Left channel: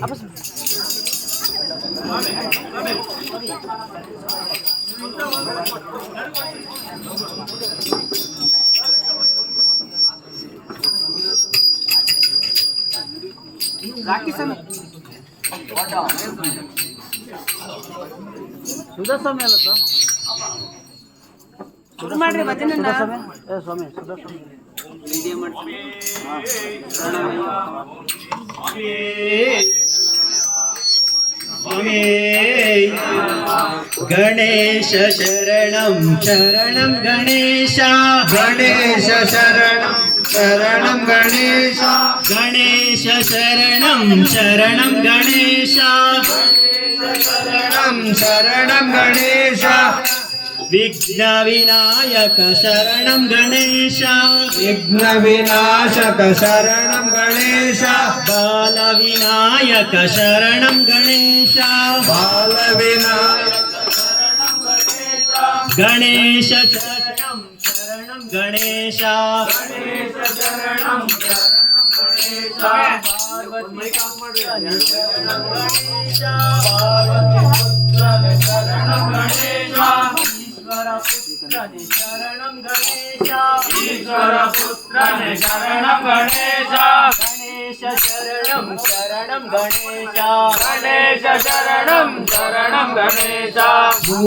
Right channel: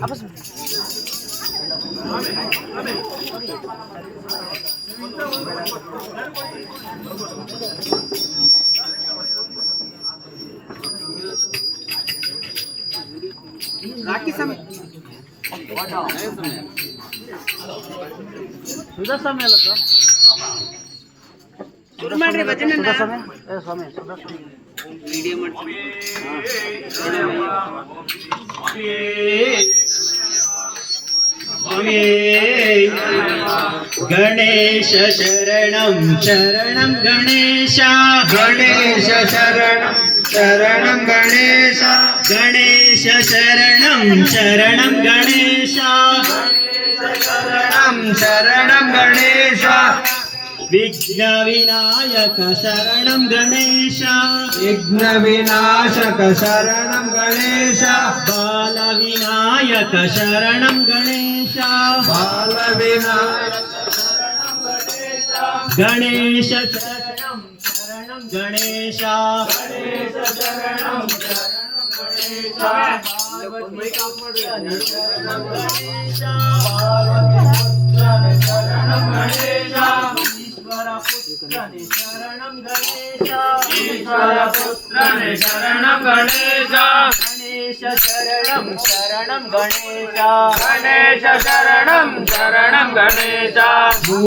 apa sih? सुधा स्वामी आला का? सुरू ಮಾಡ್ರಿ ಭಜನೆ ನಾ ಏ ಸ್ವಾಮಿ ಸುಧಾ ಸ್ವಾಮಿ ವಿಡಿಯೋ ಮಾಡ್ತೀನಿ ಸ್ವಾಮಿ ಗಣೇಶ ಶರಣಂ ಶರಣಂ ಗಣೇಶ गणेश शरणं शरणं गणेश ಗಣೇಶ ಶರಣಂ ಶರಣಂ ಗಣೇಶ शरणं शरणं गणेश ವಿಘ್ನ ವಿನಾಯಕ ಶರಣಂ ಗಣೇಶ विघ्न विनाशक शरणं गणेश ಬಾಲ ವಿನಾಯಕ ಶರಣಂ ಗಣೇಶ बाल विनायक ಗಣೇಶ ಶರಣಂ ಶರಣಂ ಗಣೇಶ शरणं ಈಶ್ವರ ಪುತ್ರನೇ ಶರಣಂ ಗಣೇಶ ईश्वर पुत्रने शरणं गणेश ಗಣೇಶ ಶರಣಂ ಶರಣಂ ಗಣೇಶ गणेश शरणं शरणं गणेश